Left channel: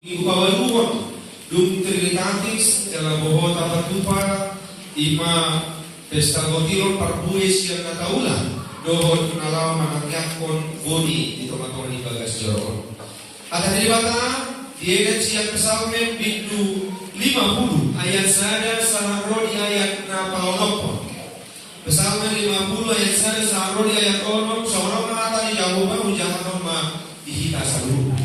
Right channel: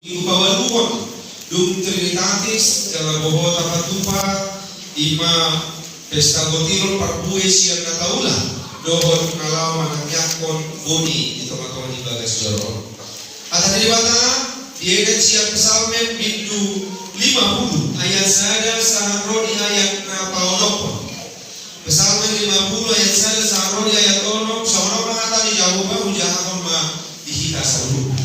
Ibawaluon dum trinitatis dalam bohota patupa ima pesta gotiro parbuhe siang na taula dohon nalau manakyakon boni itu makawan ibagas joro. Ada di bata diedet siang kesalmen bindu 50 ayat sada saharoni ayat na paolokon. Kesalmen 50 ayat sada saharoni ayat olok saorong mengatakan di jawaban ujahan ma dihita saluruh.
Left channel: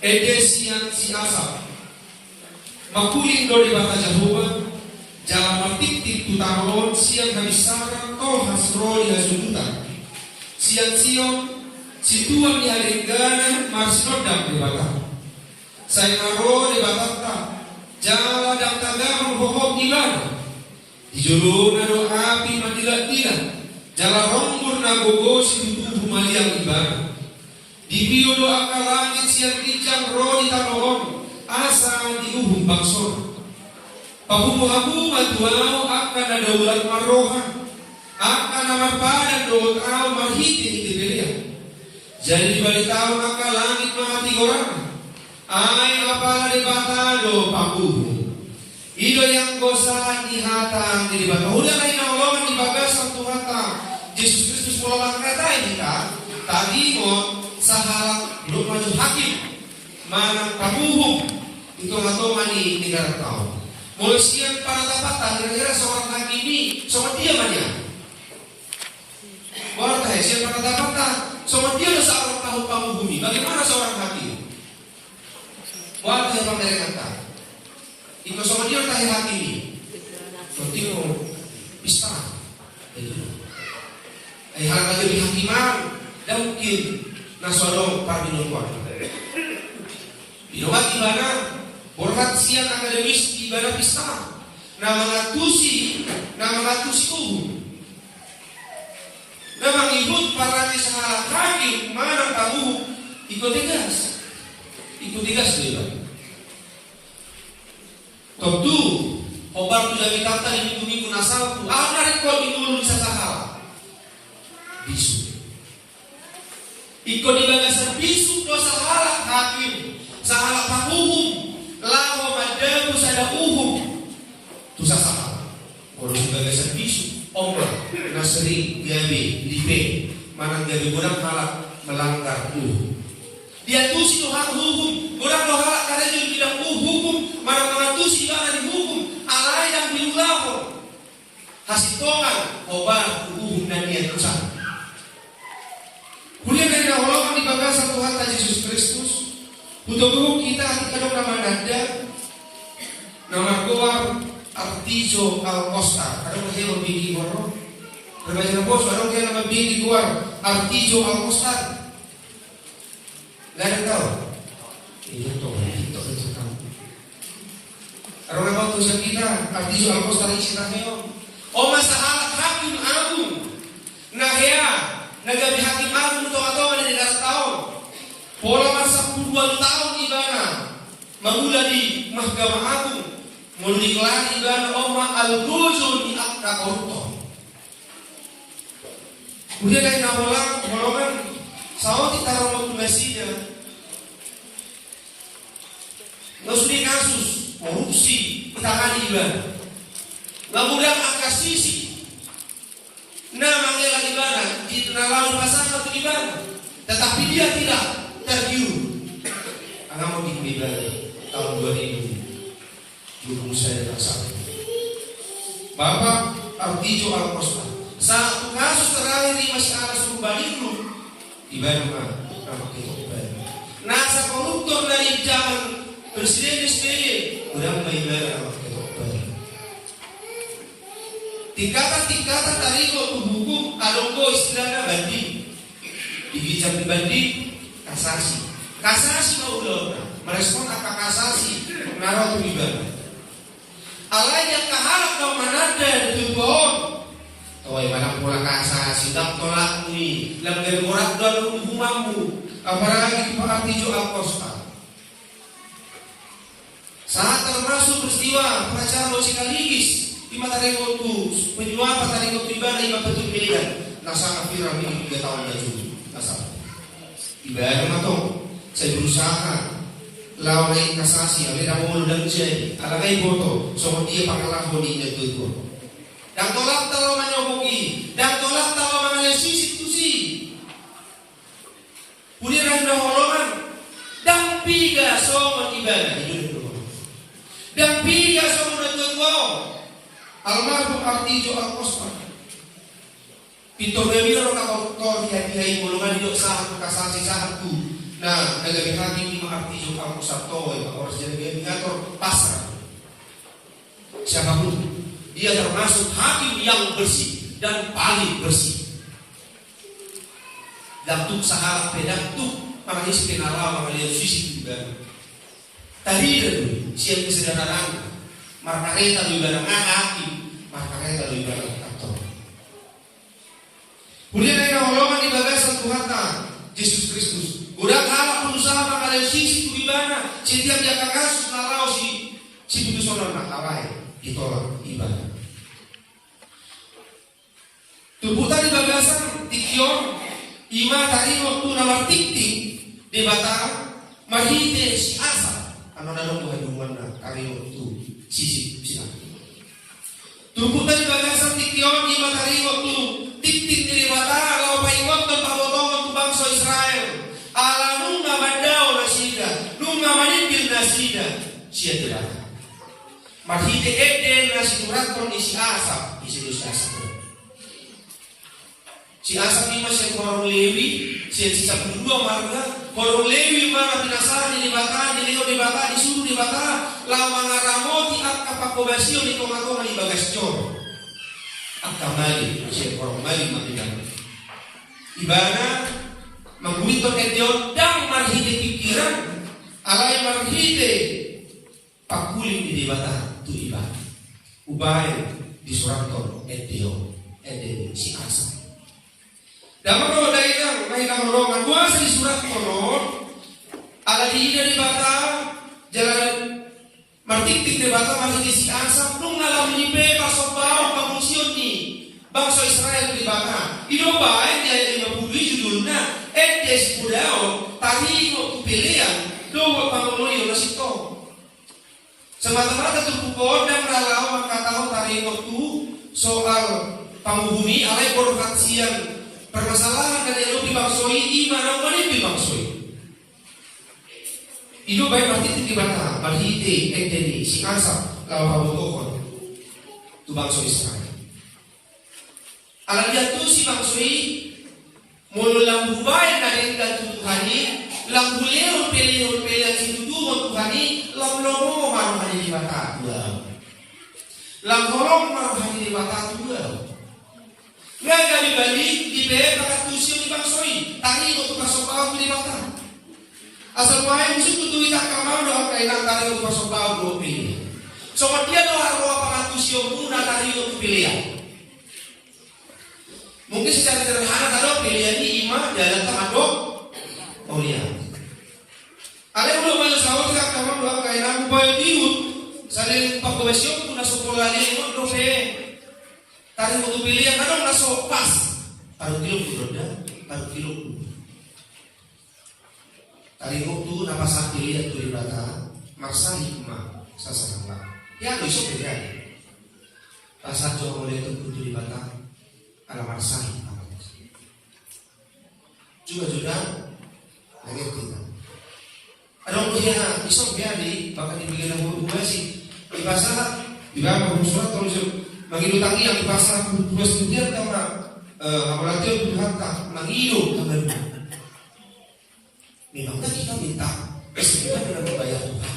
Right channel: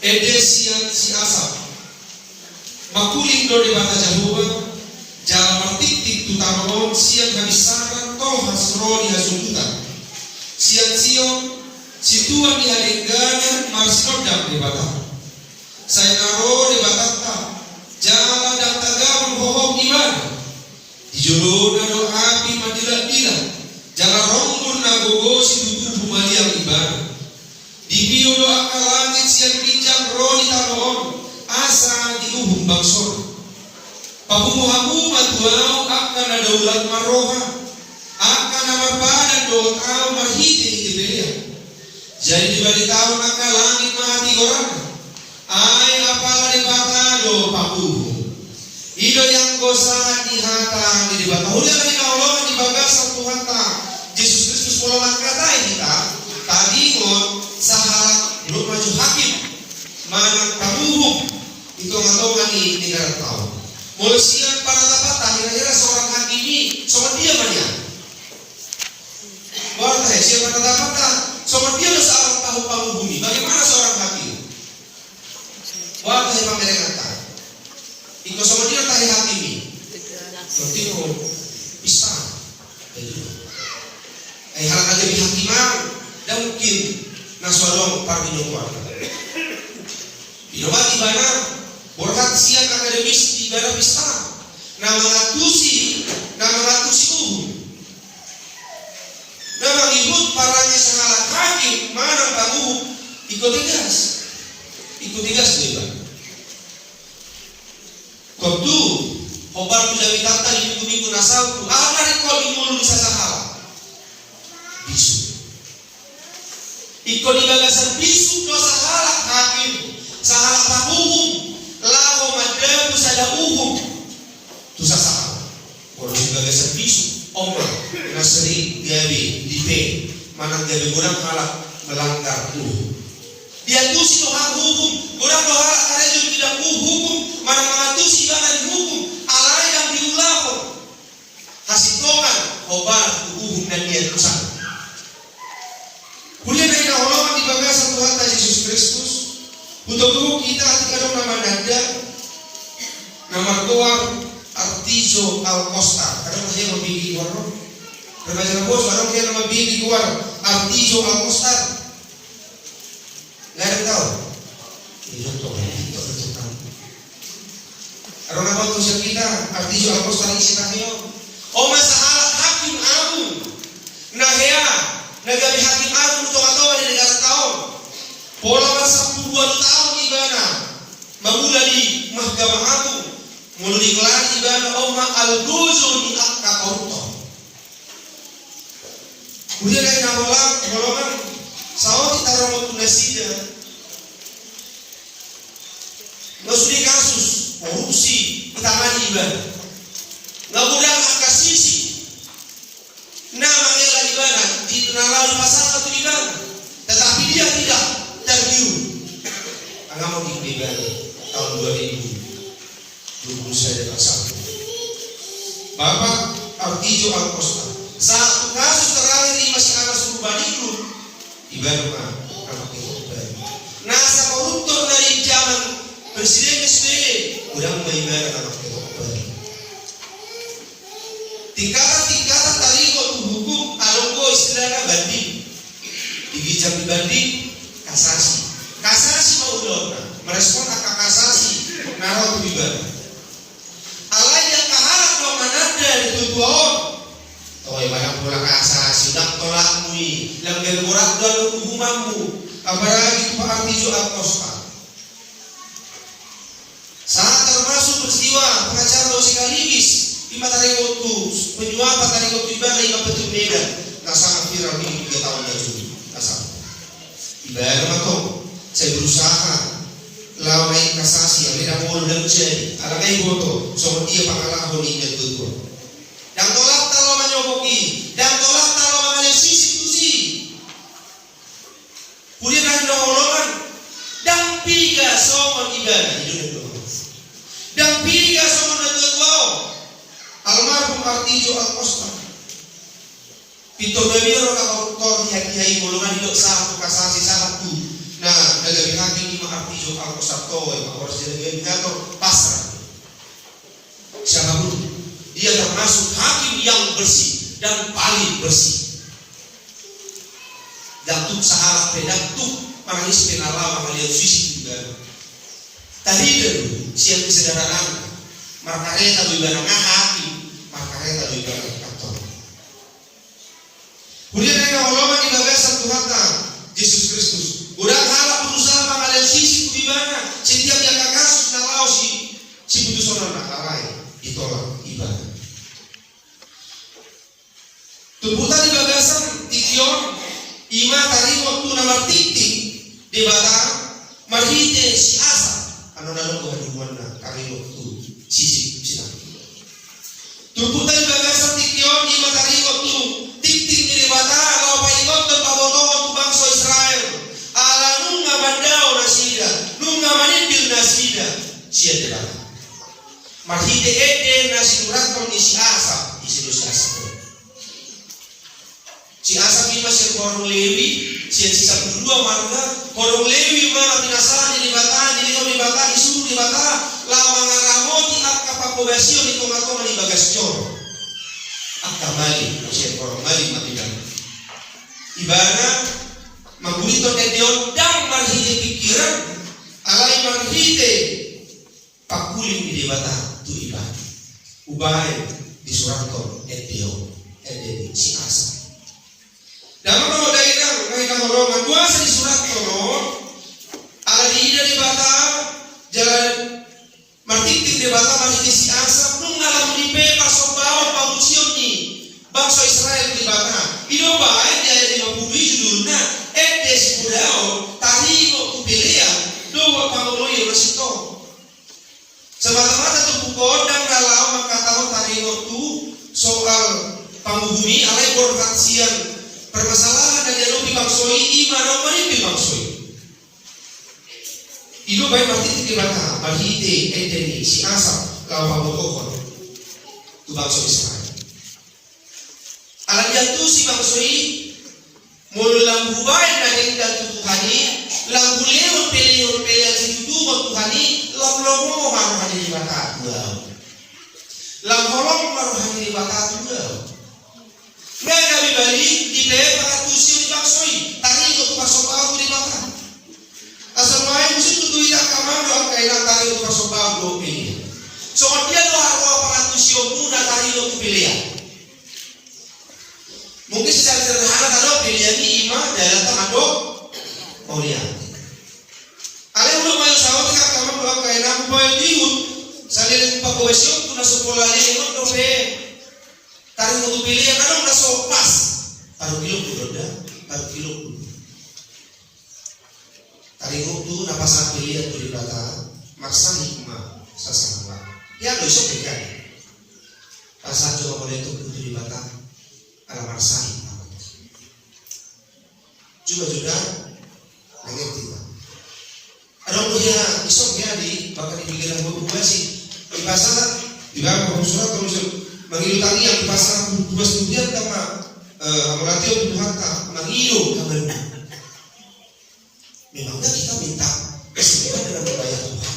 Edesian si asap makuling do di bata Jahoba jalan martik-tik tutaron siang habisaran toh hasroni hasumuta siang sion si tuan di adeganan marsinodam di bata saya naro di batata jalan dan tagaman hohom ibadah di jolona do api madilat-dilat jalan rombur nagogo si tubuh maliang ibadah di bio doa langit siang bincang roni tanoon asa di uhum bangsor pahumuhamu matuau akan ada ulat maroha akan nama padan do tau marhiti hiti belia jadi dibalitaw naka langit mahati orang ay apala di bata do pahuhum ido yang gosahan di hata di bata udah na inaulongan di bagasan Tuhan ta Yesus Kristus mulalang katai kita tadi mo sahalat belum maju hakim mana pamuhum itu ngatongan di negara tahu mulai siang para tapatan kira-kira seorang hakim ini sama dia mana orang teh siang para tapatan sama dia lo seorang tahu pamuhum ini bagaimana seorang hakim orang teh pameran tak ikut sama dia tahu hakim ini penting bisa hal aja di hakiman dan mungkin naswarong pardino kuat. Inomat ibana borhat siang akademis di ibana pista. Nama ngatusi nama ngikut paranya sahalat hakim mana kamu ikut tigas dewa. Tentu obar tu jami tata di minggu nasal tu ada rekod imulu di sasahal bisu. Iko di bagasan bisu dosa halak hakim sahalak pahuhum lawa madabu sada uhum tu sasahal kalau di bagasan bisu omra nasri gabi dipe manang gabi kurang halak melanggar dia tusi doha hukum kurang doha halak karena juga tidak hukum manang mengatusi bana di hukum alai yang diulapor hasitongan obar uhum dan niat kusang. Kuliah dari dahuluan di bagasan Tuhan Yesus Kristus. Untuk kita ketika nama nada, nama keluar Artizo Al-Costa. Ada masih yang memilih warna. Berbaca bos, ada yang memilih keluar Artizo Al-Costa. Gak ada yang tahu. Iya tuh, itu tahu. Ada nama tulisan kita Artizo Al-Costa ini siapa? Oh masalah hakim agung. Nahya. Nagabi hakim agung untuk atau di negara tahun pola masa 2 tahun ibana mamula di mahkamah agung mulu dikelar ibana oma al-gozo di akta koruptor kemudian dari nawalang golongan sawah kita romot tunasida ngasudi kasus korupsi ditangani ibana ngabudang akasisi nama ialah ibana di nalar pasal satu ibana tetapi dia tidak tergiur agama di ibana tahun 2020 saja bersama Bapak Artijo Al-Costa satu kasus terakhir di masih anas Urbaniku ibana nama kita nasa koruptor dari zaman Presiden SBY udah ibana nama kita tingkatan tariko hukum alonggo istilahnya banding digijak dibanding kasasi mau ulur merespon akak kasasi naruh ibadah alai yang kahalak no manada ditutuon tawai manang pula kasasi dak tolak mui langgar borak dan hukumamu apalagi Pak Artijo Al-Costa saat termasuk peristiwa pengacara Losi Kalibis di Matariko tu penyuap Matariko tu ibadah ima betul Medan nasang viral ini 3 tahun dah juli nasang ibadah matong saya berusaha Lau naik kasasi, ada mau dan jadi, ada kayak boto, soal dia pangalah boninya tuh. Dan tolak talau menyoboki, dan tolak talau mengalir sisi tusi. Kemudian ada holongan, dan piga soal ibadah hidup itu. Dan piga soal dua almarhum Artijo Alcosta. Pito bebiro na kautor hiyai golongan hidup satu kasasi satu. Nah, nagawin lagi ni Artijo Alcosta to, orang jadi gator pasrah. Siapapun, dia termasuk hakim yang bersih dan paling bersih. Datuk saharap pedatuk marahis penalaw mangalian sisi juga. Tadi dulu siang kesederhanaan. Markareta lu ibarat hakim, markareta lu ibarat kantor. Kemudian ada holongan di bagasan Tuhan Yesus Kristus. Udang halak berusaha mengalian sisi ku ibana. Setiap yang kasus narau si putusan nak alai ditolak ibadah. Tumputan di bagasan tikion ima tadi waktu nama tiktik di bata marhite si asa. Ano na nung tuhan na kami waktu sisi sila. Tumputan di bagasan tikion ima tadi waktu tiktik di bata lau paingot dan pabotongan tu bangsa Israel. Ala nunga bandao nasida, nunga manipil nasida, siya diba? Marhite eden nasi muraton isi asap, isi asap. Si asap ini masih korong Lewi, si sisa kedua marga, korong Lewi mana pinasahan di bata, di bata, disuruh di bata, lau mengaramoti akka pakobasio di tomatoma di bagastion. Akka mali, si korong mali matidan. Ibana mengguliton edeon dan marhite pikiran alai marhite pakuling di debata tu iba ubai di suraton edeon edeni si asa dalam nama daerah holongan kuasa di suraton ala di ida debata jalan martiktik debata marhite si asa nung ngalam lipe pasobao pamusion ni bangsa Israel di bata ido baik dari 50 judulna edes budao tadi waktu pilihan doa panguloyo nasito semata-mata tu bukodang dalam makataon tadi waktu soal panghubungi alai korbansian permasalahan dari lobi bangsoi imana manipil bangsoi itu baik berarti di bata marhite edeni si asap lawan pabotokon tu bangsa Israel alam jatuh si bangsoi mulu lambu baik dari dan Tuhani lambu leon peleon situ dua Tuhani lambu lomo haruhani di bata dua lambu lomo haruhani di bata dua nggak kami balik di pepa tusio di bangsoi tari untuk masuk bau di bata asal main musik tuh tidak kamar doang kayak tari untuk masuk bau dua pilih soal dia doa roa tusio muda tari untuk pilihan. Mungkin secara sederhana kalau pilihan ini imah jalan tamadok mau lihat. Ada belum main sawah kita kamu doa kayak namu bayi diut salin pakowesio tu naso pola leleng untuk tarik untuk pilihan kadang naso pas paruh kilo kuda paruh kilo tarik tu napasan pilihan tu di bata maksa hikmah sasana ya lo iso pilihan pasal coba boleh tu di bata ala marsahi juga lagi tidak ada orang isok ya di bahkan di pikiran gue sih di pasar di bawah surat kalau misal mengilutangi yang di pasar gue studian sama amulatio Tuhan mengilu kabar memangnya kita minta kesembuhan dalam membayar Tuhan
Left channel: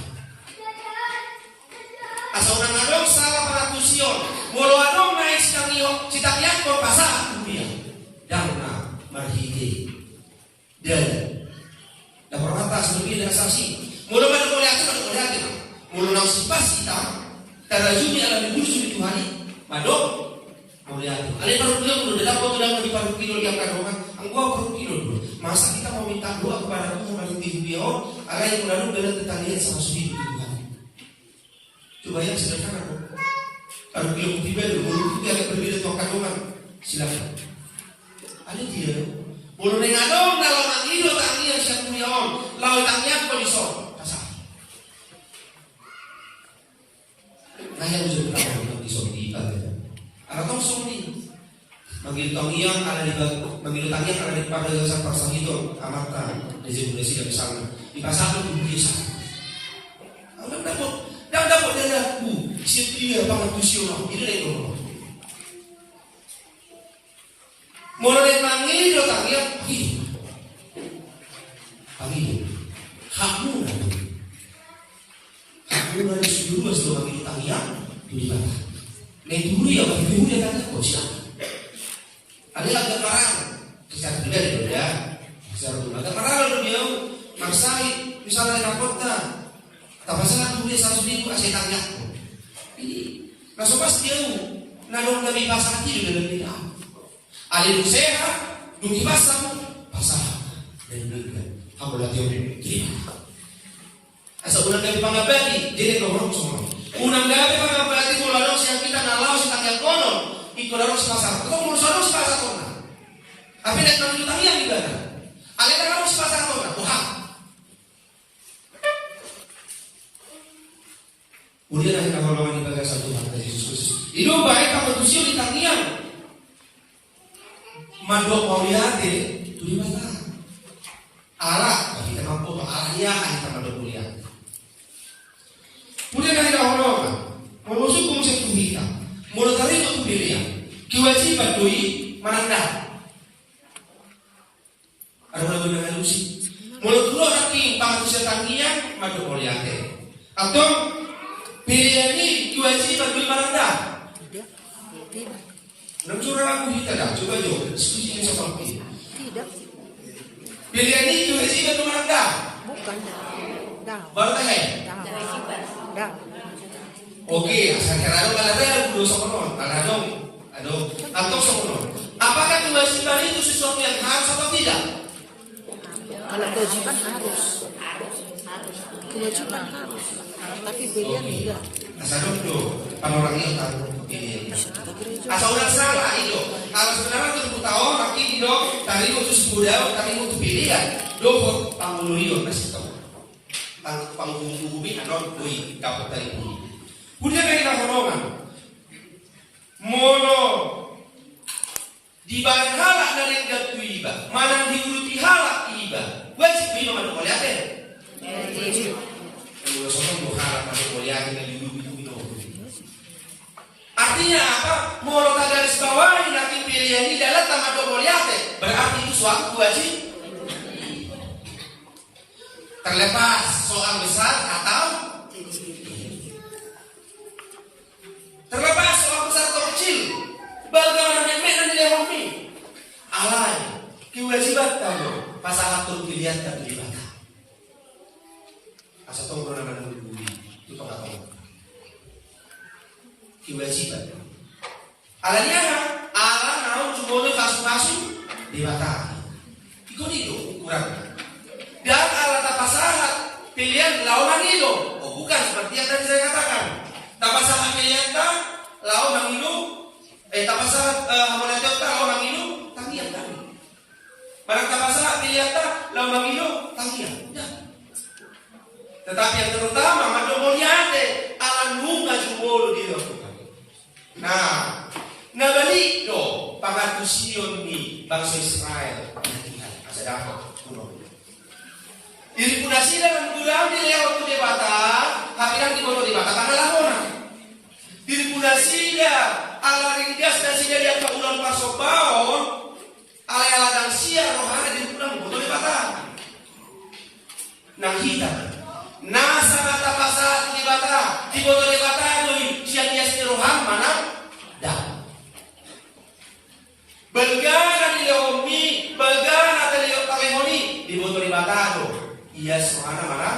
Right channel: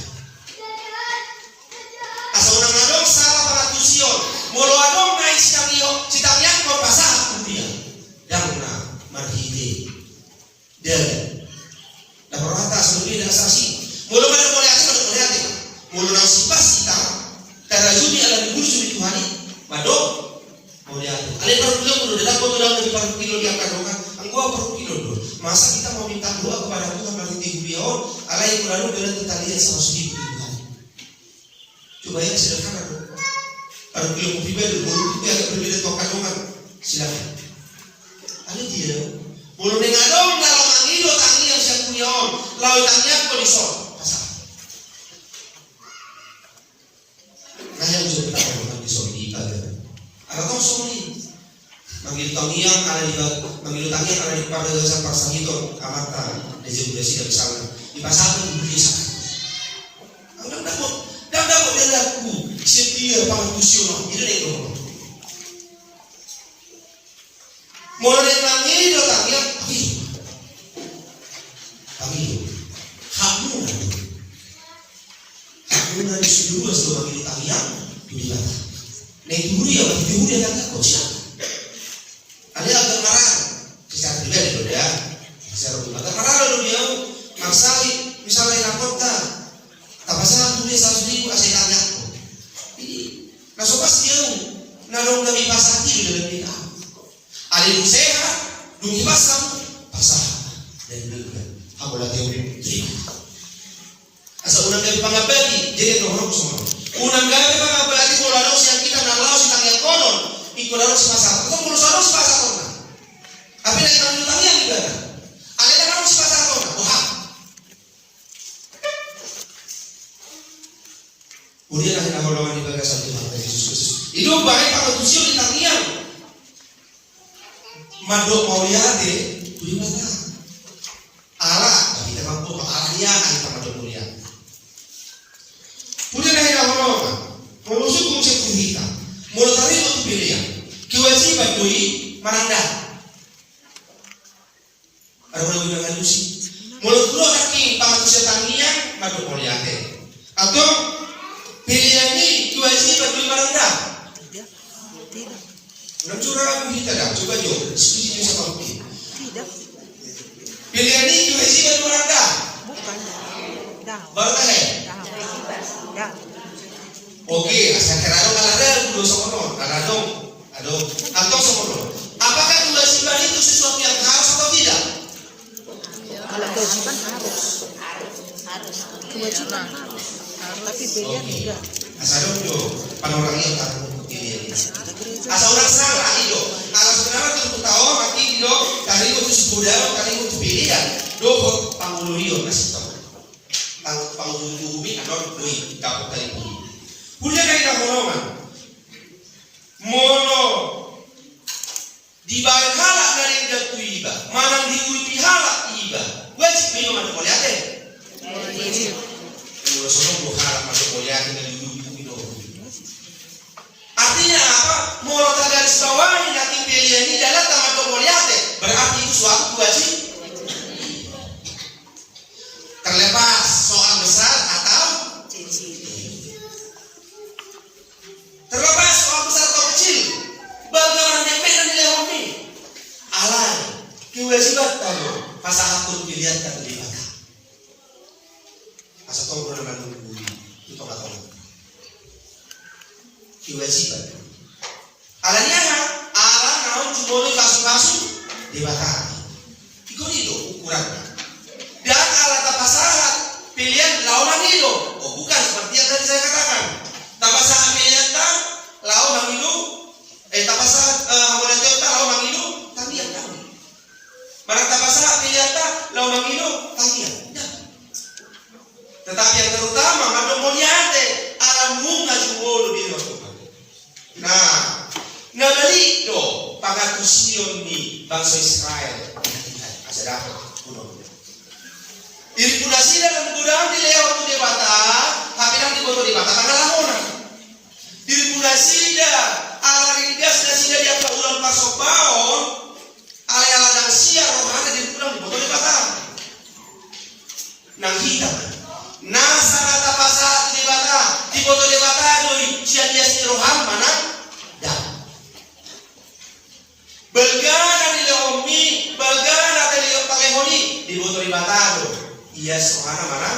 asal orang adong salah para tusion molo adong naik sitangyan kau pasah dia yang na marhide dan dapat kata sebelumnya dan saksi mulu pada boleh hati mulu nang sipas kita karajuni alam dibunuh di Tuhan madok boleh hati alih paruh kilo mulu dalam foto dalam lebih paruh kilo dia kadongan angguau paruh kilo dulu masa kita mau minta doa kepada Tuhan marhide hubion alai kurang dengan tetalian sama sudi Tuhan coba yang sederhana paruh kilo pribadi mulu itu agak berbeda dengan kadongan silakan alih dia mulu nengadong dalam angilo tangi yang siap kuyon lau tangnya kau disol pasal Mangilu tangiang ada di pada dasar pasang itu amatan desi dan misalnya di pasar itu bisa. Dan dapat dengarku setia pantusiono itu deh dong. Mulai tangi tangiang pagi hakuna di seluruh seluruh mangilu tangiang di bata. Nek dulu ya bagi dulu dia kata kocak. Ada agak marah, kisah pribadi ya, kisah rumah. Agak marah lalu dia maksai misalnya rapot tak, tak pasal tulis 100.000 asal tanya. Ini, nah so pas dia, nadong kami pasah hati dalam dia. Alih sehat, dungi pasah dan berikan. Kamu latih orang terima. Asal unang gabi pangabati, jadi orang semua. Unang gabi pangabati mula dong siang kita nalau si tangyang konon. Iko laro si pasar, atau mulu sono si pasar kona. Tapi nek tangi tangian juga kan. Ale laro si pasar kona, Tuhan. Kemudian akhirnya golongan di bagasan Tuhan Yesus Kristus. Itu baik kalau tusio di tangian. Mandok mauliate, itu di mana? Allah, kita mampu Allah dia kita mandok mulia. Kemudian akhirnya golongan mengusuk konsep kita. Mulut tadi itu pilihan. Kewajiban doi mananda. Ada orang yang halusi. Mulut lu ada king pangatusia tangian madu moliate. Atau pilihan ini kewajiban doi mananda. Tidak. Nak curang aku kita dah. Coba jo. Diskusi dengan siapa pun. Tidak. Pilihan ini kewajiban doi mananda. Bukan. Dah. Baru tak hai. Dah. Oke, asal kerana balada kudu sokono, aladong, atau sokono. Apakah kewajiban itu sesuatu yang harus atau tidak? Kalau kewajiban harus. Kewajiban harus. Tapi pilihan enggak. Asal dong, panorang yang tahu ini. Asal orang salah itu. Alas sebenarnya tu tahu makin do tadi itu sebudaya, tadi itu pilihan. Do pangulurio masih tahu. Pangulumi anon bui dapat tadi. Kemudian dari golongan mono dibayar halak dari datu iba, mana diuti halak iba, wajib iba mana boleh ada? Wajib. Kalau sono dua halak mana boleh ada dari dulu itu. Artinya apa? Mono garis bawahi nanti pilihan ini dalam tamat boleh ada, berarti itu suatu wajib. Terlepas soal besar atau terlepas soal besar atau kecil, bagaimana nemek dan dilehomi, alai kewajiban tahu pasal atur pilihan dan dibata. Asal tahu benar benar dulu itu tak tahu. Kewajiban. Alanya ala naun cuma kasu dibata. Ikut itu ukuran. Dan ala tapasahat pilihan lawan itu. Oh bukan seperti yang tadi saya katakan. Tapasahat pilihan tak lau mangilu tapasahat hamoneteo tak lau mangilu tangian tak. Barang tapasahat pilihan tak lau mangilu tangian. Tetapi yang terutama mado moliate anu ngajumolo di Tuhan. Nah, nabalik do pangatusion ni bangsa Israel. Asa dapat kuno. Irpunasi dalam gudang di lewat tu debata, hapilang di boto debata tanggal lahona. Dirpunasi dah ala rindas dan sida dia ke ulang pasopaon, ala dan siar rohana di gudang di boto debata. Nang hitam. Nasa kata pasal debata di boto debata doi siang dia si rohan mana dah. Belgana di leomi, belgana di leomi di boto debata doi. Iya sohana marah.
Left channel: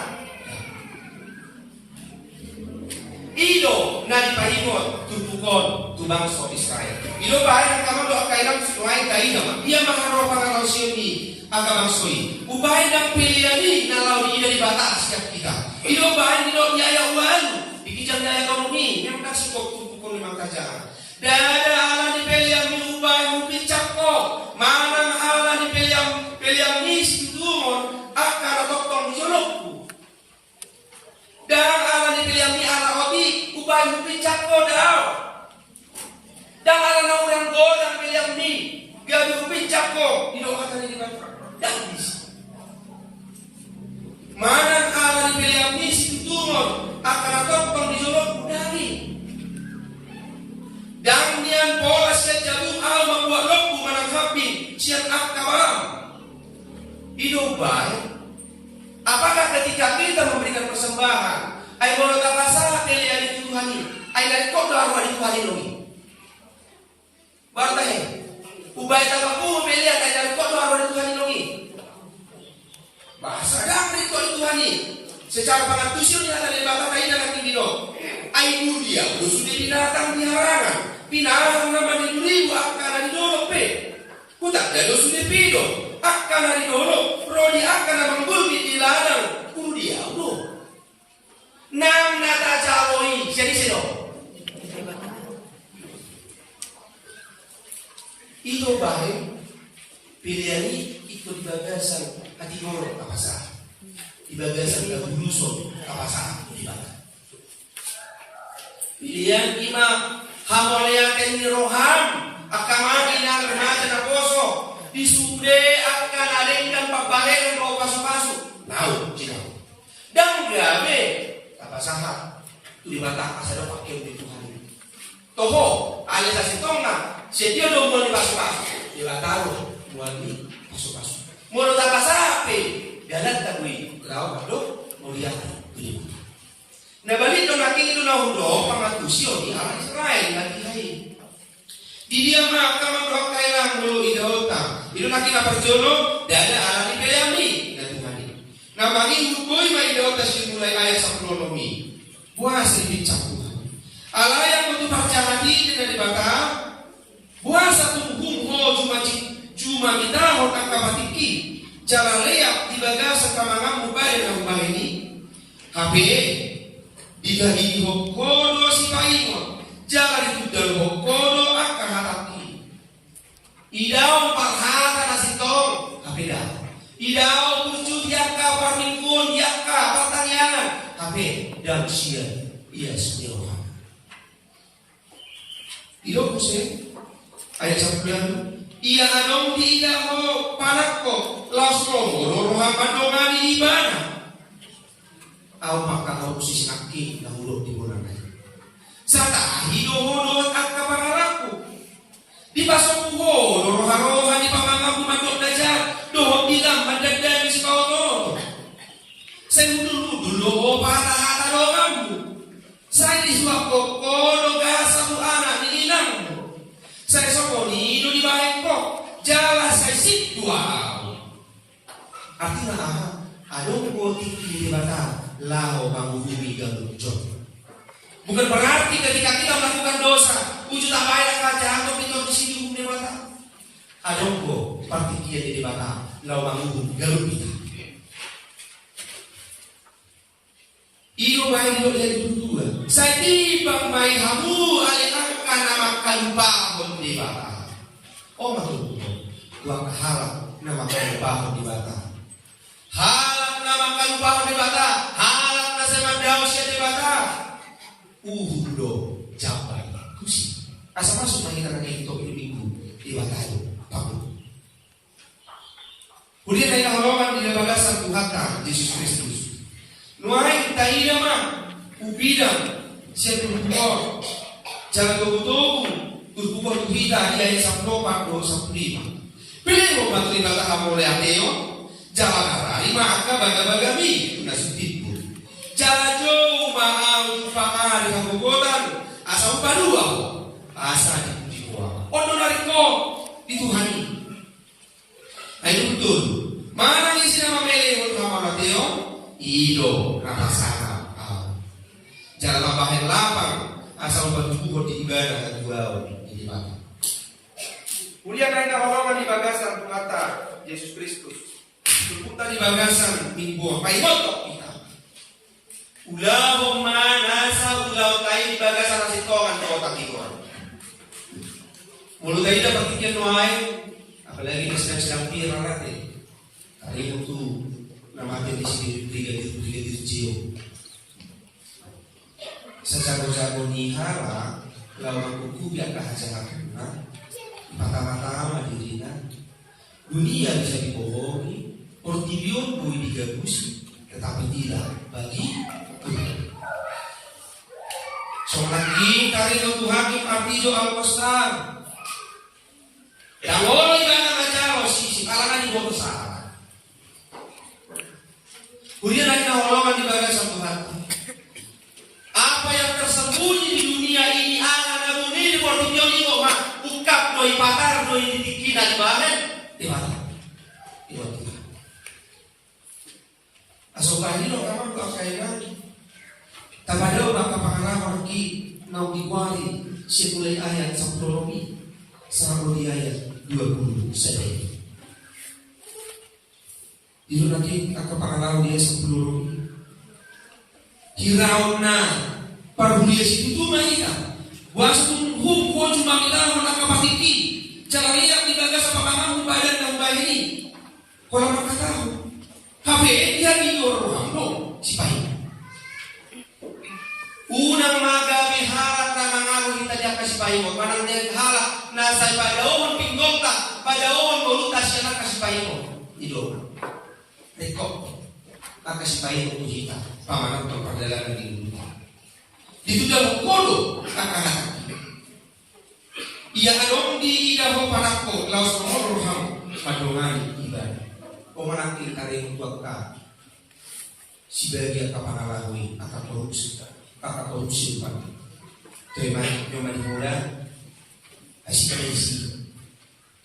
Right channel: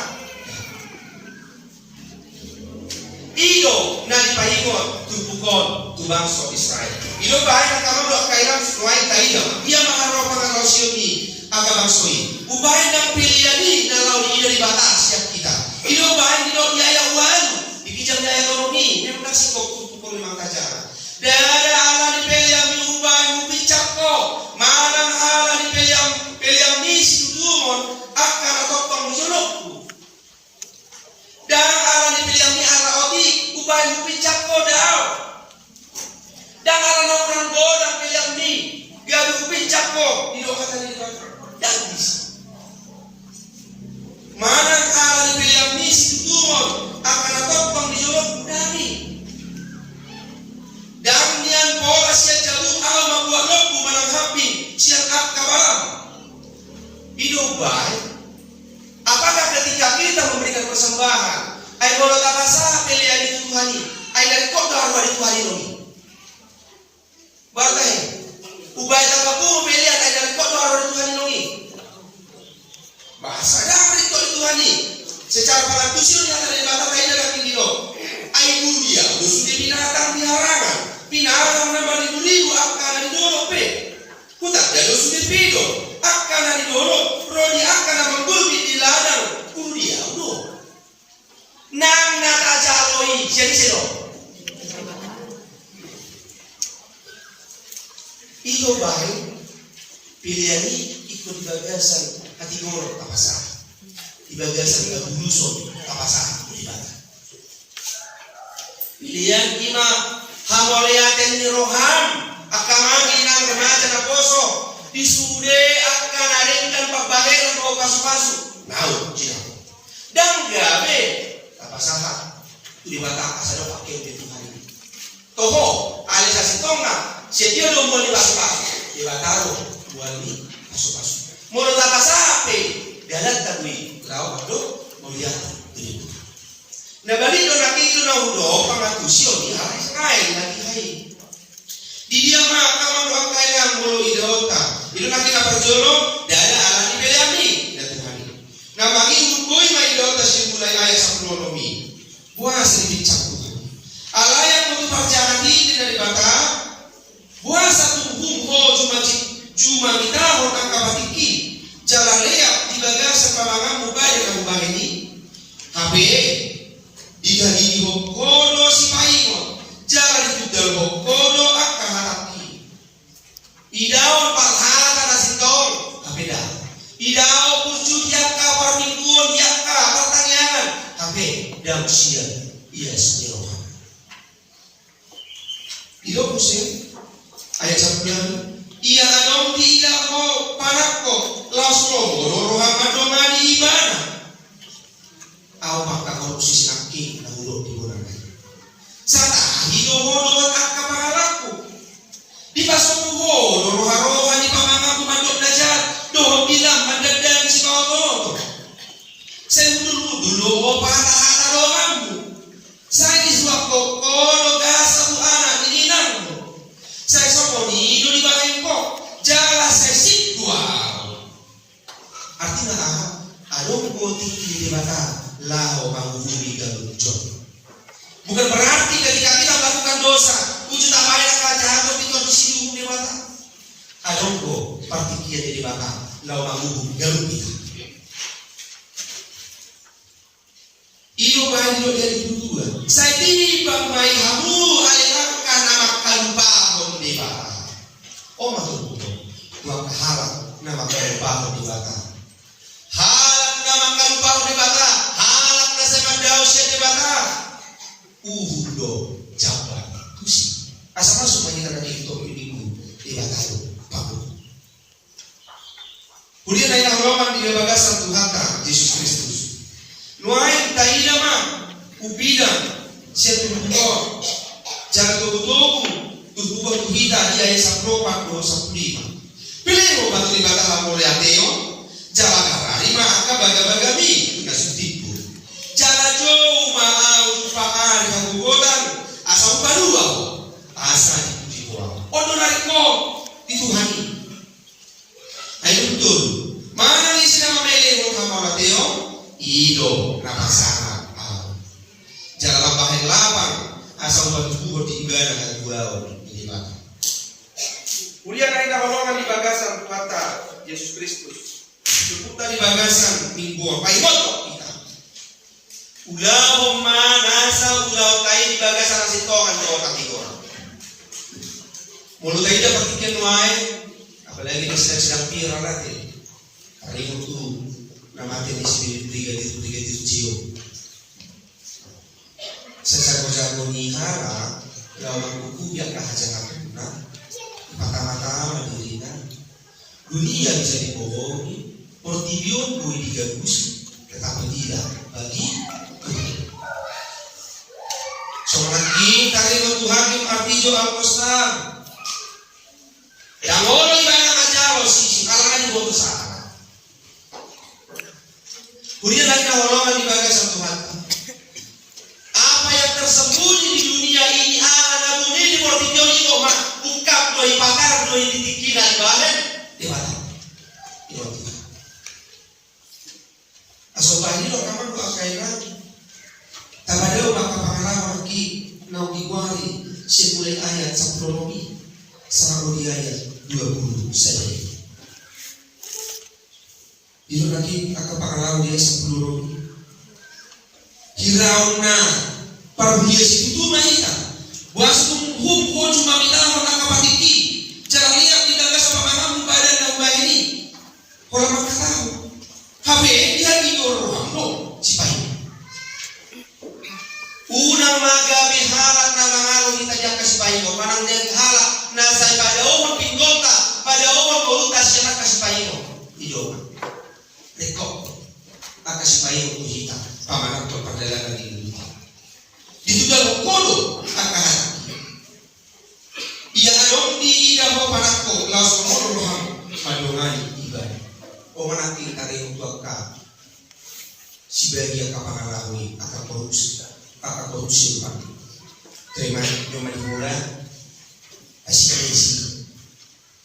Ido nali pahingon tupukon tu bangsa Israel. Ido bahan ang kamar do kailan suai kali dama. Ia maharo pangarau siyomi aga bangsoi. Ubahin ng piliani na law di ido di batas siap kita. Ido bahan di do biaya uan. Dikijang biaya ekonomi. Yang nasikok tupukon limang kaja. Dada ala di piliami ubahin upicak ko. Manang ala di piliami situtumon. Akan atau mujonokku dan ala dipilih ala oti ubah picak kodau Dan ala na orang godang pilihan ni gabi upicak ko idohatan ni dibata. Dagis. Manang ala ni pilihan ni situtumon akan atopang di jolok budari. Dan nian pola siya jalur al membuat lopu manang hapi siang ak kabaram. Idobay. Apakah ketika kita memberikan persembahan, ay boleh tak masalah pilihan itu Tuhan ini, ay dari kota arwah di Tuhan ini. Baru tahu, ubay tak mampu pilihan ay dari kota arwah di Tuhan ini. Bahasa yang dari kota Tuhan ini, secara pengatusian yang ada di bata kain dalam tinggi do, ay mulia, sudah binatang piharangan, binatang nama di buriu akan di dolo pe, kutak jadi sudah pido. Akan dari dulu, Rodi akan menggulmi di ladang dia udah. Nang nata jaloi, jadi seno. Itu baik. Pilihan ini ikut di bagasan hati gorok apa salah. Di bagasan gabuluson apa salah di bagasan. Pilihan ima hamoleaten ni roham akamagi nang remaja na poso. Disude akan adengkan pabaleron o pasu-pasu. Tahu, cina. Dan gabe apa saha tu dibata asal pakai di Tuhan ini. Toho alisa sitonga setio do mo di pasu-pasu. Dibataro buat di pasu-pasu. Mulu tak sape dalat tagui grau ado mulia tu. Na balik do nakitu na hudo pangatusio di ala Israel lagi hai. Di dia maka membuat kailang mulu idota. Itu nak kita perjono dada alani belami dan Tuhan ini. Nah bagi hubui ma idota simulai ayat sabronomi. Buah sedikit cak Tuhan. Allah yang untuk perjalanan ini dari bata. Buah satu humho cuma kita hotang kabatiki. Jalan leak di bagasan pamangan mubali na ubah ini. HP digagi hokodo si paingon. Jalan itu dalam hokodo akan hatapi. Idaon parhata nasitong apeda. Idao pucuk yakka parmingkun yakka pertanyaan. Hape dan usia ia sendiri. Ido kusen ayat 9. Ia adong tiga ko panakko lauslo rohan madongani ibana. Au maka korupsi sinaki na hulog di orang lain. Sata hidohodo at kapangalaku. Di pasok ko roha-roha di pamangang kumandok dajat. Doh bilang mandagdag si kawato. Saya dulu patah-patah doangmu. Saya disuap kokodo gasa tu anak di inangmu. Saya soponi hidup di bangko. Jala saya sikwa. Artinya adong putih di bata lao bangunuri galuncok. Bukan berarti ketika kita melakukan dosa, wujud apa yang kaca atau pintu di sini di mata. Adongko partikia di mata, lau mangubu galung kita. Iyo bayi lo dari dua. Saya tiba mai hamu alihkan nama kalupahon di mata. Oh maksudku, dua kehalak nama kalupahon di mata. Halak nama kalupahon di mata. Halak nasa mandausia di mata. Uhudo jaban tusi asal masuk kita nanti itu minggu di batayo paku. Kemudian dari halaman di bagasan Tuhan Yesus Kristus. Nuai taina ma ubidang siatu bukor jangan tubuh bukor tuhita di ayat 10 45. Pilih mau bantu di bata hamole ateo jalan harari ma angka baga-bagami nasutipu. Jala jauh maau pakar dengan gugotan asal upah dua asa dipuji uang. Odo nariko dituhani. Ayo betul. Mana ni sina mamele hon hama Mateo? Ido napasana. Jala lampahin lapar asal upah dua di ibadah dan dua di mata. Kemudian naik holongan di bagasan kata Yesus Kristus. Berputar di bagasan minggu apa imoto. Ulah manasa ulah tayo di bagasan ng sitongan ko takigor. Mulut tayo na patikyan nuay, apalagi na sedang pira natin. Hari itu namanya di sini brigadir Cio. Sesago-sago ni hara, lawan kuku biar kahajang aku. Mata-mata dirina. Dunia bisa dibohongi, Portibion boleh digabusi, tetapi tidak bagi Tuhan. Soalnya tarik Tuhan yang artijo al-Qasar. Yang orang ibadah macam sisi kalangan di bawah sana. Kemudian lagi naholongan di bagian Tuhan. Apa yang tersembunyi di dunia ini akan nabuni di Portibion ini kok mak ungkap doi pakar doi ditiki dari bagian di mana? Di Portibion. Asobah ini loh kamar doa kainan. Tabadao baka pangalaman ki nau diwari siya mulai ayat 10 romi sampai di ayat 20 saja. Dito lagi ang pangalaman dia 10 romi. Hiraw na parulia si tutuma ika. Wasung ko cuma minahon ang kapatiki. Jangan lihat di dalam sa pamamamu badan ng bahini. Kalau makatahu. Habe dia dinoro mo si pahin. Unang magabi harat na mangalo kita diya kasipahin mo. Manang naghalak na sa padaon pinggolta, padaon goluta siya na kasipahin mo. Ido. Rekop. Kasipahin mo kita. Pamanang to pagdalagan ni Luta. Dito daw kolo akahat. Iya anong di idaho panako laos mo roham padungan ibadah. O manaki taring tuwag ka. Si bagia kapangalawi akan korupsi pa. Terima nyo manihura. Asik kaisi.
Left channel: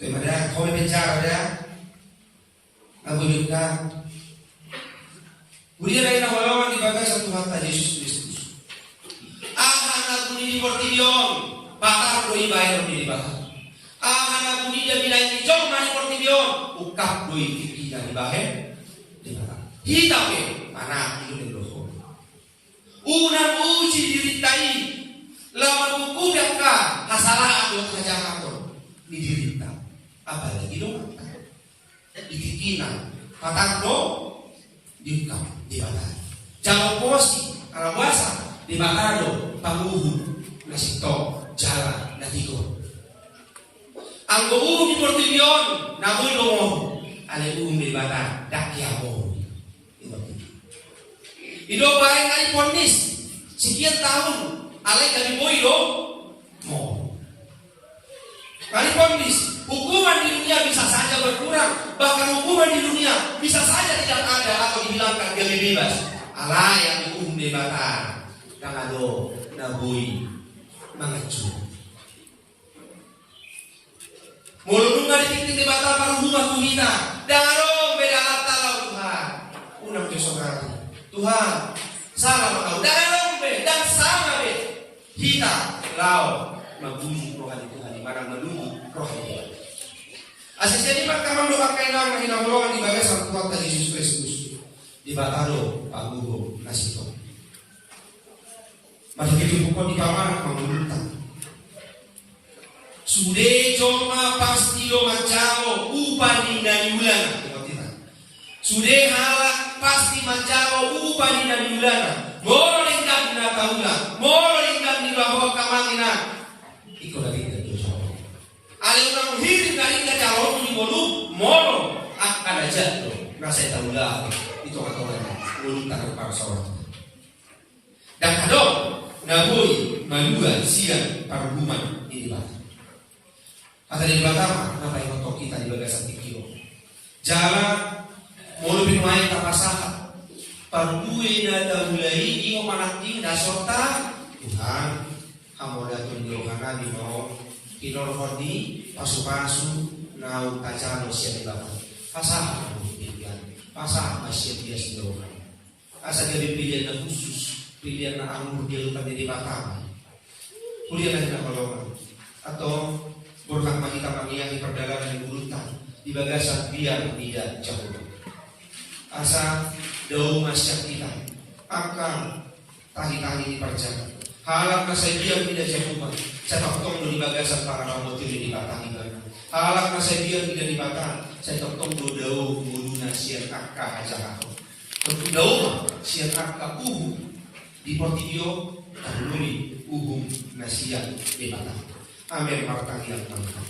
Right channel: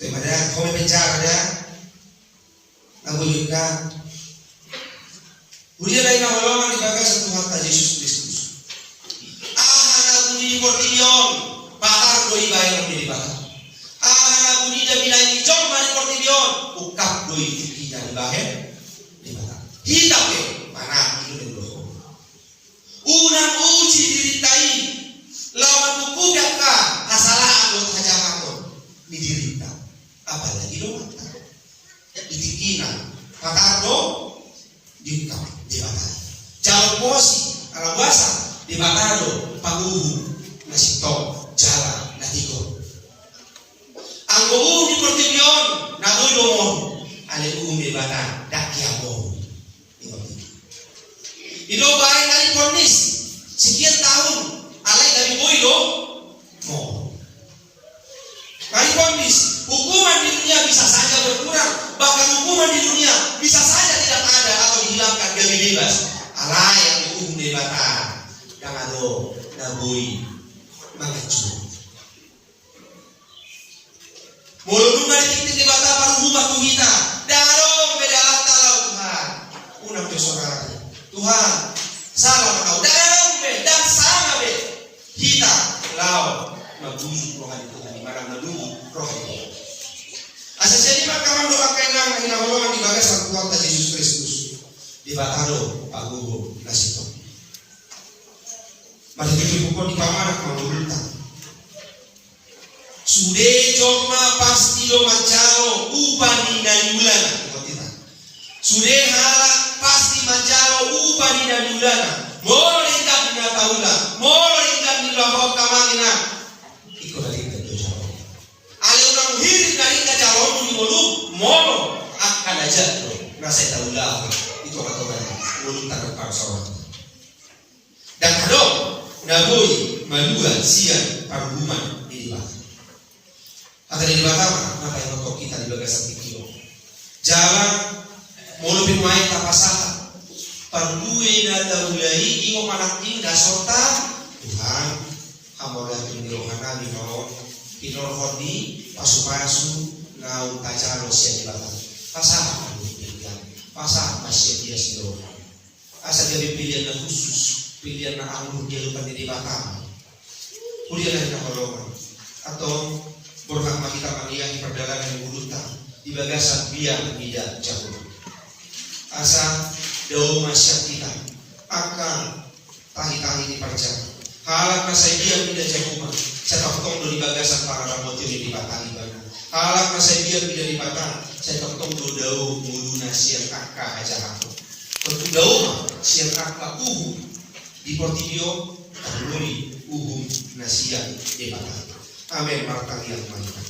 Terima dah. Kau mencara dah. Nagulog ka. Kemudian lain nawalawan di bagai satu hata Yesus Kristus. Ahana guni di Portibion, bakar doi bayar di bakar. Ahana guni di bilai di jom mani Portibion, ukap doi tiki di bahe di bakar. Hitam mana itu yang roh. Unang uji diritai, lawan buku ka hasalah atau kajangan di dirita. Apalagi dong ditikina, patado diukap. Di batado. Jauh posi, arabasa, di batado, panguhu, nasito, jala, natigo. Ang buhu di Portibion, nabuy domon, alay di batado, dakyamo. Ido bahay kali ponis, sekian tahun, alay dari boy do, mo. Kali ponis, hukuman di dunia bisa saja berkurang, bahkan hukuman di dunia bisa saja tidak ada atau dihilangkan jadi bebas. Alay yang hukum di bata, yang ado naboy mangacu. Mulu nunga ditik di bata paru rumah kita, darong beda lakta lau Tuhan. Unang kesorari, Tuhan salah makau, darong be dan sama be kita lau mabujuk rohani Tuhan di mana menunggu rohani Tuhan. Asal jadi perkaman doa kainang hinahulungan di bagai sang Tuhan Yesus Kristus di batado pagugo nasito. Mari kita pukul di pamanah mengulutang. Sude joma pastio mancao upani dari ulana. Sude halak pasti mancao upani dari ulana. Molo lingkap di nataula, molo lingkap di bawah kamangina. Ikut lagi ke jauh. Ale unang hirin dari ke jalur di bolu, molo akan aja lo. Nasi taula itu kata orang ulun takut para sawan. Dan kadang naboi manua sian paruman di bawah. Atau di bawah apa yang untuk kita di bagasan tikio. Jalan mulu pinuai tapasaha. Pardue na taulai ingo manaking dasorta Tuhan hamola tindirohana di no tinorhodi pasu-pasu nau tajalo sia di bawah. Pasaha pilihan. Pasaha masih dia sindirohan. Asa jadi pilihan na khusus, pilihan na anggur dia lupa di bawah. Kuliah na kolongan atau berhak kita mengiyahi perdagangan di bulutan di bagasan biar tidak jauh. Asa daun masyarakat kita akan tahi-tahi diperjaga. Halak nasai biar tidak jauh. Saya tong di bagasan para rambut di batang ibana. Halak nasai biar tidak di batang. Saya tong daun mudu nasian kakak aja aku. Daun sian kakak di Portibion tahului nasian di batang. Amin martang yang mantap.